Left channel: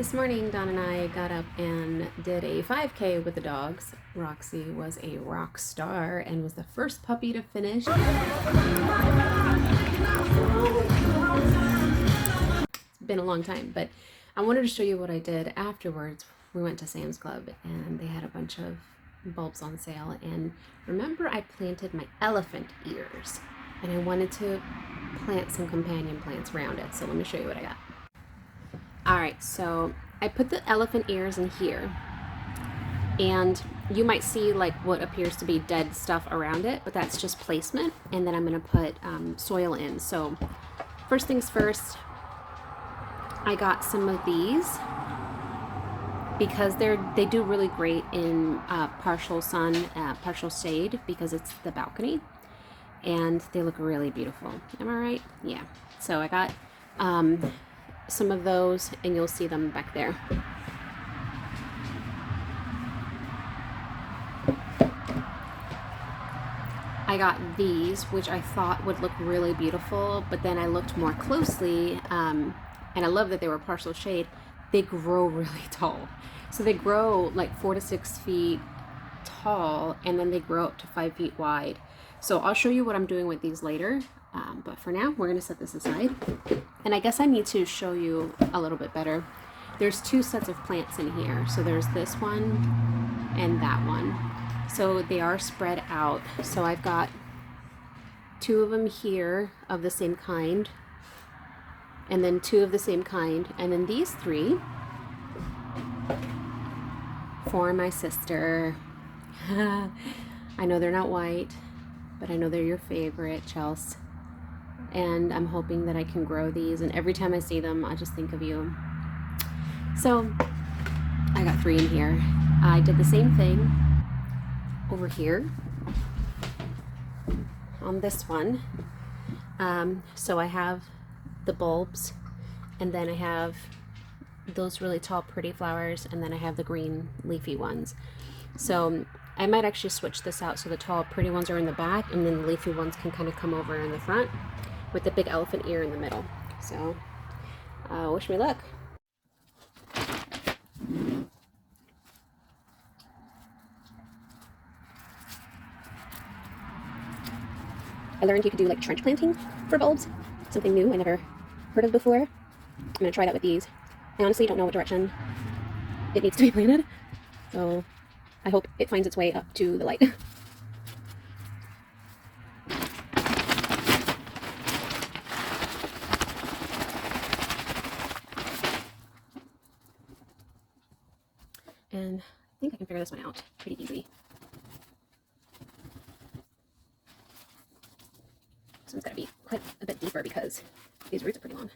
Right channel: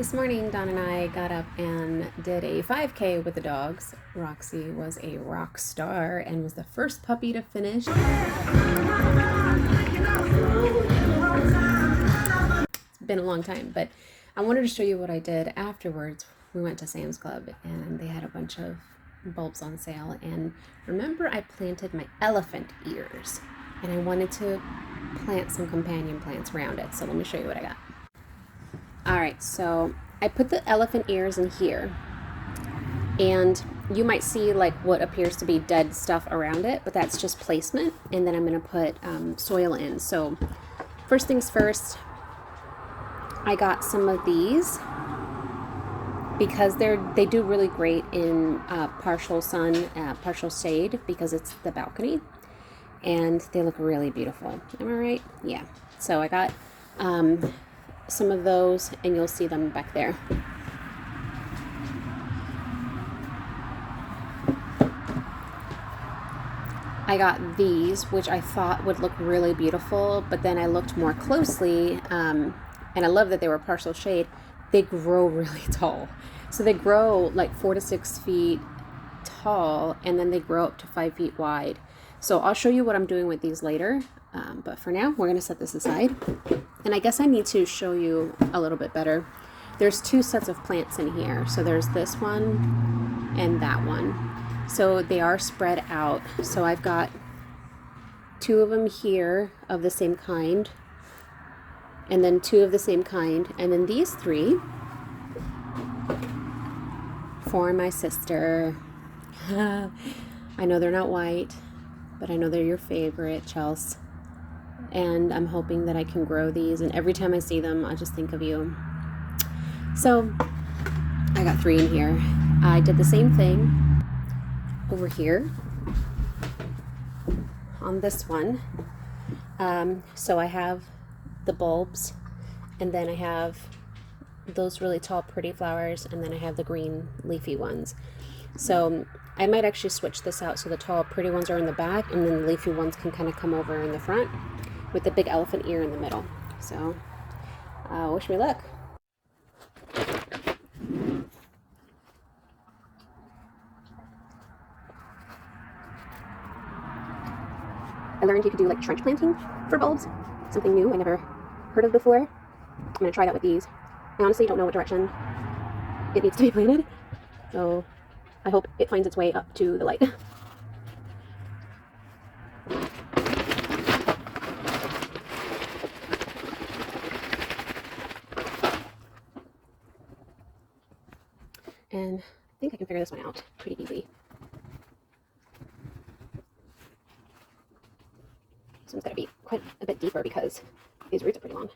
This morning, Don and I got up and did a 5K with the dogs. Roxy was a rock star and was the first puppy to finish. It's been a long time, but I wanted to show you what I did afterwards. We went to Sam's Club and they had a bunch of bulbs on sale. And remember, I planted my elephant ears and I wanted to plant some companion plants around it. So let me show you what I got. All right, so I put the elephant ears in here, and you might see like what appears to be dead stuff around it, but that's just placement. And then I'm gonna put soil in. So first things first, I got some of these because they do really great in partial sun, partial shade, because it's the balcony, and they look really beautiful. Am I right? Yeah. So I got some of those, and you'll see them back there. I got these, which I thought would look really beautiful, but then I looked more closely, and I love that they were partial shade. They grow really tall. So they grow like 4 to 6 feet tall, and then they grow up to 5 feet wide. So I'll show you what I'm doing with these later. But for now, we're gonna set this aside. And I guess I need to show you a little bit better. There's 2 sets of plants in here. So there's this one and that one. So they are spread out. So I've got 2 of them here of the same kind, and then 2 of the same kind, and then these 3 for my sister. I know they're not white, but I know they're your favorite, Chelsea. And I'm hoping that I can grow these, and every time I see them, I just think of you. So I got 3 in here. I did the same thing over here on this one. So I have the bulbs, and then I have those really tall pretty flowers, and then I have the green leafy ones. So I might actually switch this out so the tall pretty ones are in the back, and then the leafy ones can kind of come over in the front with the big elephant ear in the middle. So wish me luck. I learned you could do like trench planting for bulbs. Something new I never heard of before. I'm gonna try that with these. I honestly don't know what direction it needs to be planted, so I hope it finds its way up to the light. And I think I can figure this one out pretty easy. This one's gotta be quite a bit deeper because these roots are pretty long.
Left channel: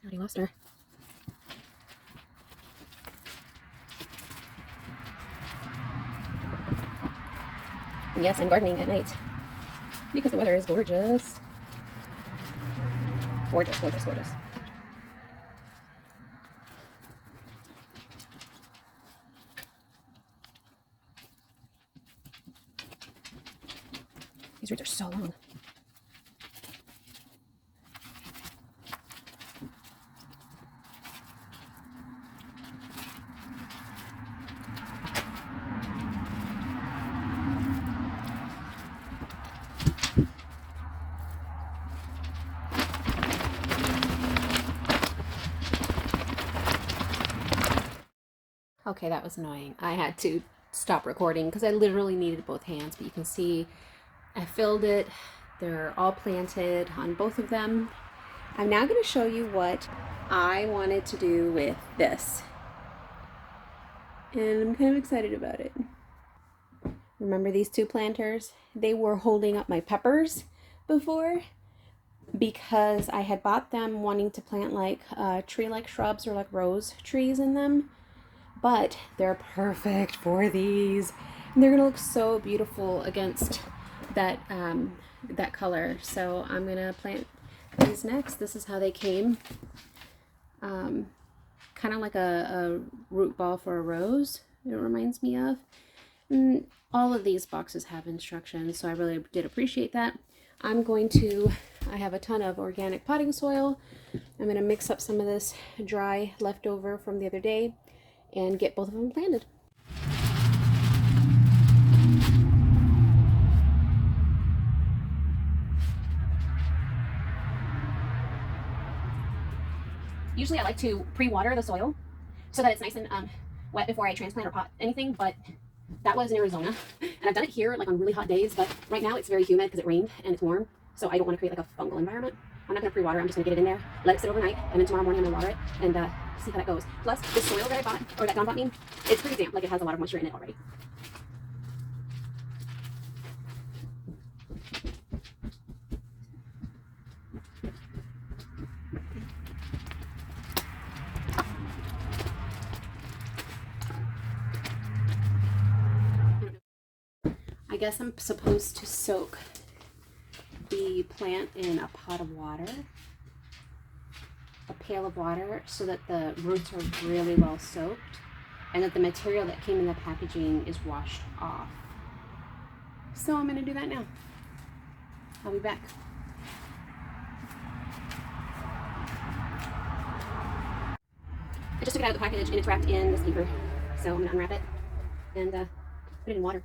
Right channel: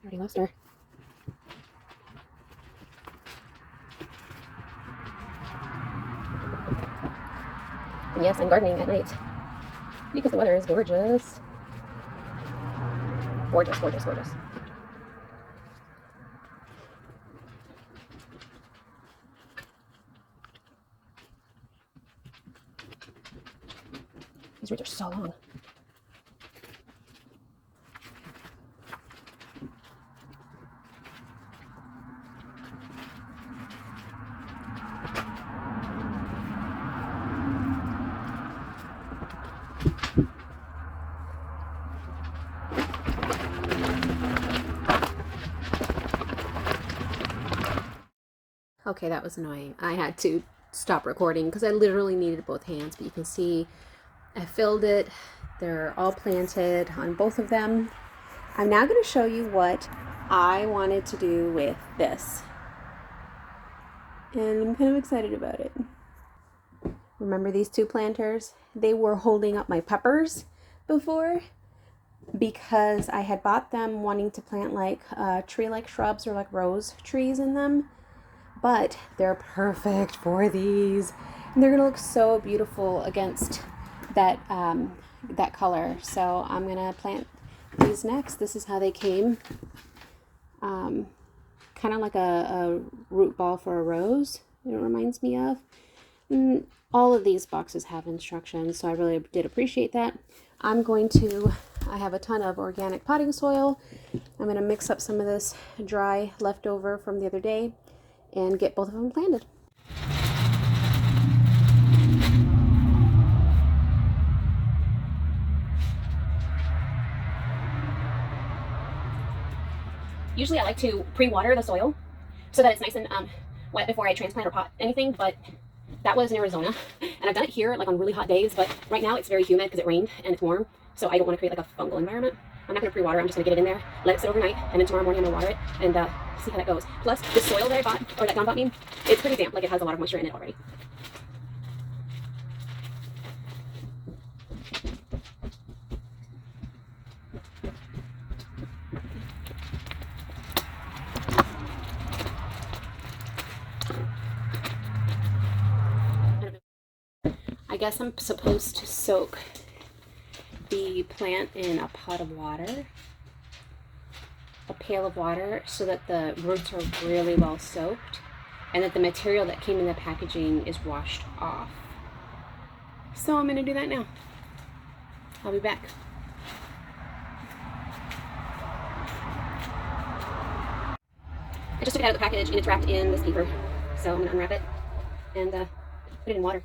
I already lost her. And yes, I'm gardening at night because the weather is gorgeous. Gorgeous, gorgeous, gorgeous. These roots are so long. Okay, that was annoying. I had to stop recording because I literally needed both hands, but you can see I filled it. They're all planted on both of them. I'm now going to show you what I wanted to do with this. And I'm kind of excited about it. Remember these 2 planters? They were holding up my peppers before because I had bought them wanting to plant like tree-like shrubs or like rose trees in them. But they're perfect for these. And they're gonna look so beautiful against that that color. So I'm gonna plant these next. This is how they came. Kind of like a root ball for a rose, it reminds me of. All of these boxes have instructions, so I really did appreciate that. I have a ton of organic potting soil. I'm going to mix up some of this dry leftover from the other day and get both of them planted. Usually I like to pre-water the soil so that it's nice and wet before I transplant or pot anything, but that was in Arizona, and I've done it here like on really hot days, but right now it's very humid because it rained and it's warm, so I don't want to create like a fungal environment. I'm not going to pre-water, I'm just going to get it in there, let it sit overnight, and then tomorrow morning I'm going to water it and see how that goes. Plus, the soil that I bought, or that Don bought me, it's pretty damp, like it has a lot of moisture in it already. I guess I'm supposed to soak the plant in a pot of water, a pail of water, so that the roots are really well soaked and that the material that came in the packaging is washed off. So I'm going to do that now. I'll be back. I just took it out of the package and it's wrapped in this paper, so I'm going to unwrap it and put it in water.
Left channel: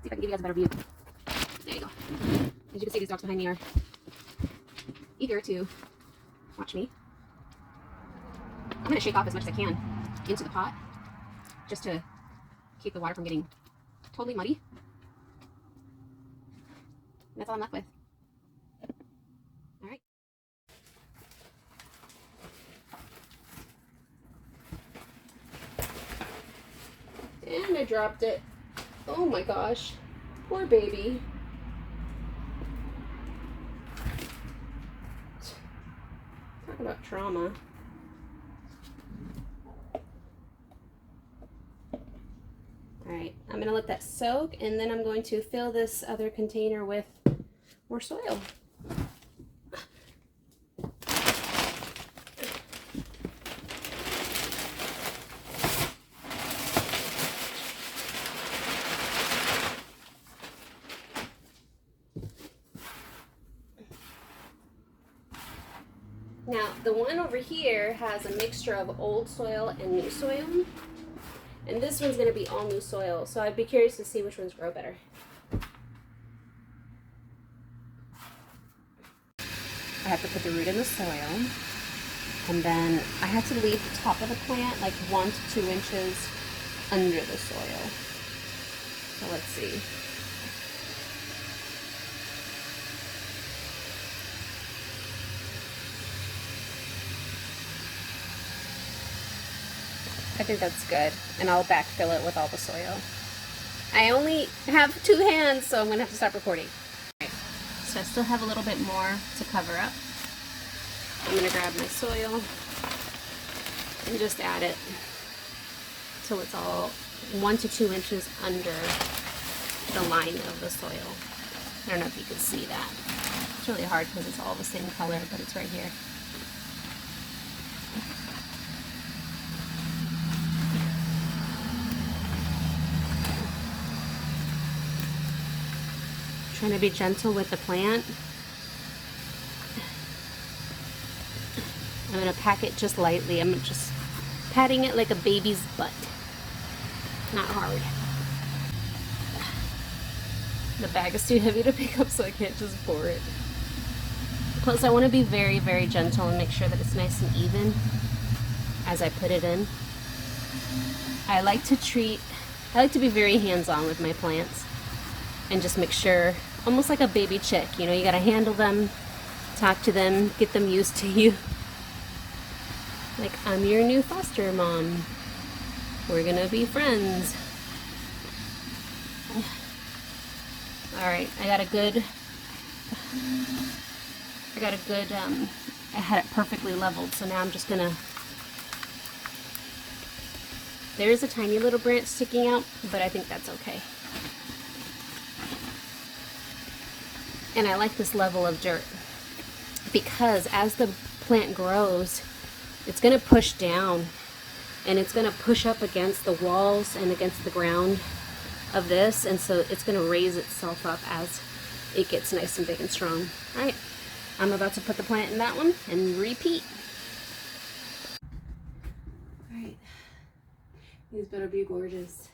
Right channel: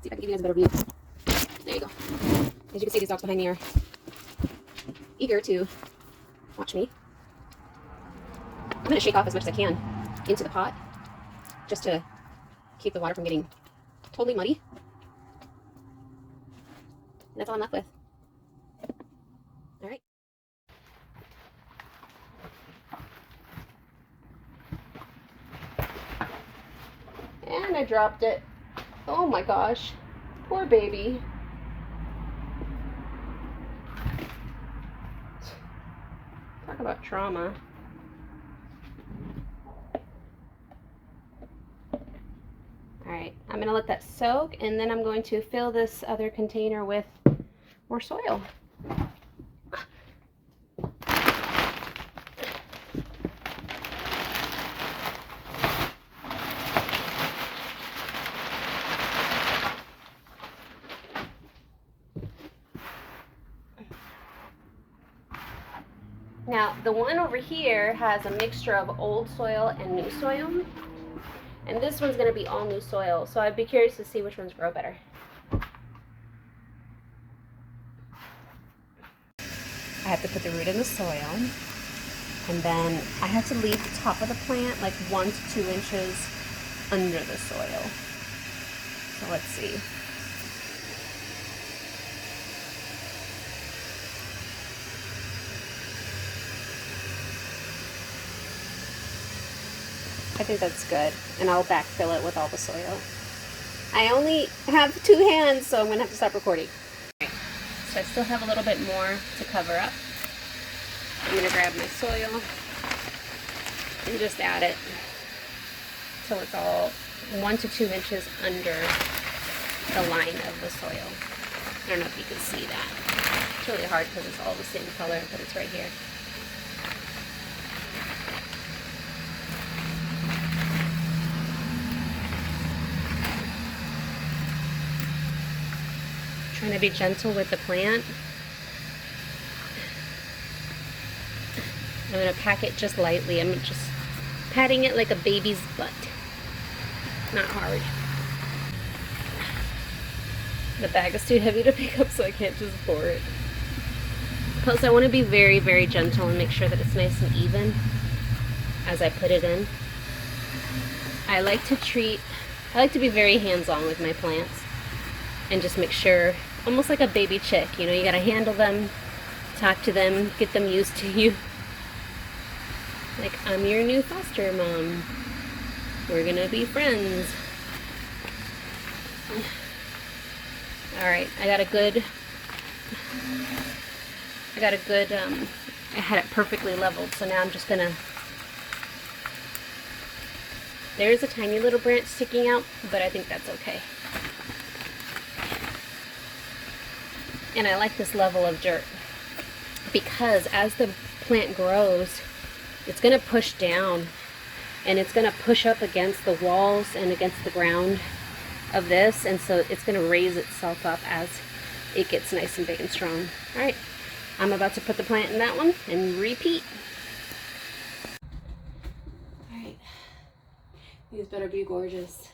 See if I can give you guys a better view. There you go. As you can see, these dogs behind me are eager to watch me. I'm going to shake off as much as I can into the pot just to keep the water from getting totally muddy. And that's all I'm left with. All right. And I dropped it. Oh my gosh, poor baby. Talk about trauma. Alright, I'm gonna let that soak, and then I'm going to fill this other container with more soil. Now, the one over here has a mixture of old soil and new soil. And this one's going to be all new soil, so I'd be curious to see which ones grow better. I have to put the root in the soil, and then I have to leave the top of the plant like 1 to 2 inches under the soil. So let's see. I think that's good, and I'll backfill it with all the soil. I only have 2 hands, so I'm going to have to stop recording. Okay, so I still have a little bit more to cover up. I'm going to grab my soil and just add it so it's all 1 to 2 inches under the line of the soil. I don't know if you can see that. It's really hard because it's all the same color, but it's right here. Trying to be gentle with the plant. I'm going to pack it just lightly. I'm just patting it like a baby's butt. Not hard. The bag is too heavy to pick up, so I can't just pour it. Plus, I want to be very, very gentle and make sure that it's nice and even as I put it in. I like to be very hands-on with my plants and just make sure, almost like a baby chick, you know, you gotta handle them, talk to them, get them used to you. Like, I'm your new foster mom. We're gonna be friends. Alright, I had it perfectly leveled, so now I'm just gonna, there's a tiny little branch sticking out, but I think that's okay. And I like this level of dirt because as the plant grows, it's going to push down and it's going to push up against the walls and against the ground of this, and so it's going to raise itself up as it gets nice and big and strong. All right, I'm about to put the plant in that one and repeat. All right, these better be gorgeous.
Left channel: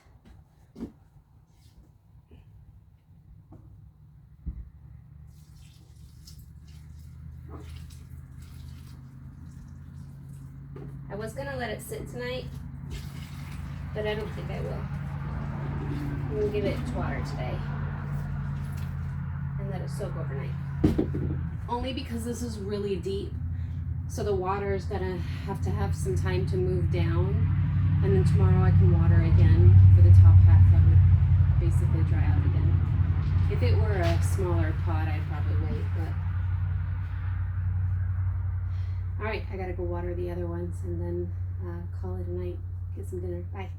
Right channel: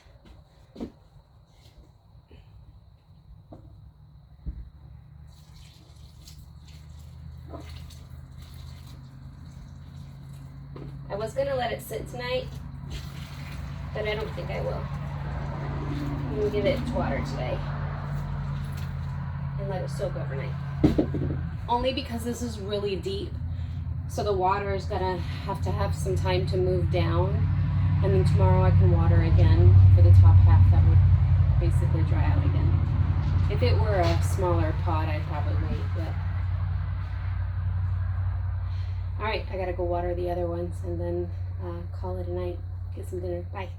I was gonna let it sit tonight, but I don't think I will. I'm gonna give it water today and let it soak overnight. Only because this is really deep, so the water is gonna have some time to move down, and then tomorrow I can water again for the top half that would basically dry out again. If it were a smaller pot, I'd probably wait, but all right, I gotta go water the other ones and then call it a night, get some dinner. Bye.